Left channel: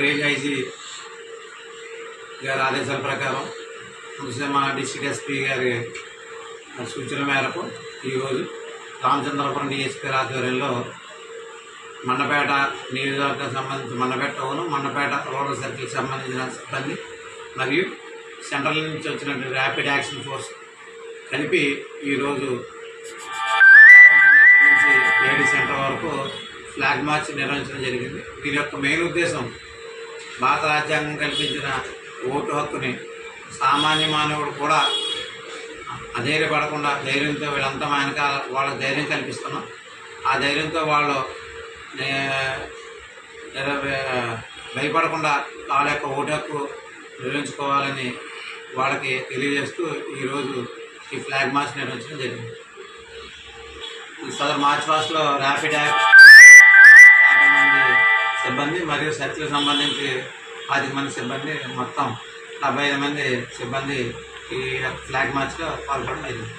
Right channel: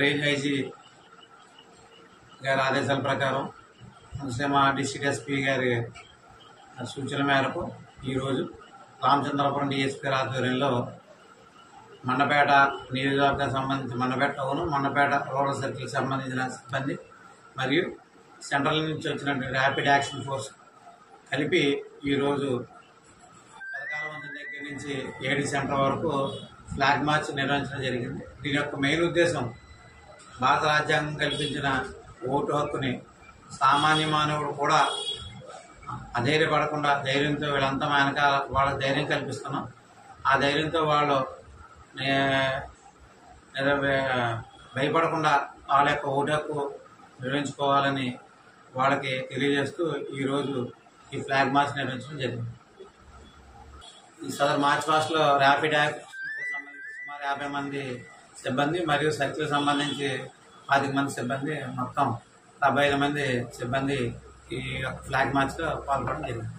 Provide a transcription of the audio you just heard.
Range IG గారి ఆదేశాల ప్రకారం ముఖ్యంగా డిస్ట్రిక్ట్ ఎస్పీ గారి సూచన మేరకు ఈరోజు రామచంద్రపురం డిఎస్పీ ఆధ్వర్యంలో మండపేట నియోజకవర్గానికి సంబంధించి మండపేట టౌన్ మండపేట రూరల్ సర్కిల్కి సంబంధించిన సిబ్బంది మరియు సెంట్రల్ నుంచి వచ్చినటువంటి ర్యాపిడ్ యాక్షన్ ఫోర్స్ కలిపి ఈరోజు నుంచి ఏడి సెంటర్ వరకు ఫ్లాగ్ మార్చ్ నిర్వహించడం జరిగింది. దీని యొక్క మెయిన్ ఉద్దేశం భారత రాజ్యాంగం కల్పించిన ఓటు హక్కుని సామాన్య మానవుడు కూడా అధైర్యపడకుండా ధైర్యంతో వీళ్ళంతా వెనకాల వాళ్ళకి ధైర్యం కల్పిస్తున్నాం. ఆ ధైర్యంతో వాళ్ళు భయపడకుండా వాళ్ళ యొక్క ఓటు హక్కు నిర్వహించుకోవాలని వాళ్ళకి తెలియజేస్తూ ఈరోజు ఈ ఫ్లాగ్ మార్చ్ నిర్వహించడం జరిగింది. ఈ సదర్ మార్చ్ పాస్ట్లో ర్యాపిడ్ యాక్ట్ 50 మంది సిబ్బంది మరియు సర్కిల్కి సంబంధించి 10 మంది సిబ్బంది మొత్తం 75 మంది సిబ్బంది ఈ ఫ్లాగ్ మార్చ్లో పాల్గొనడం జరిగింది.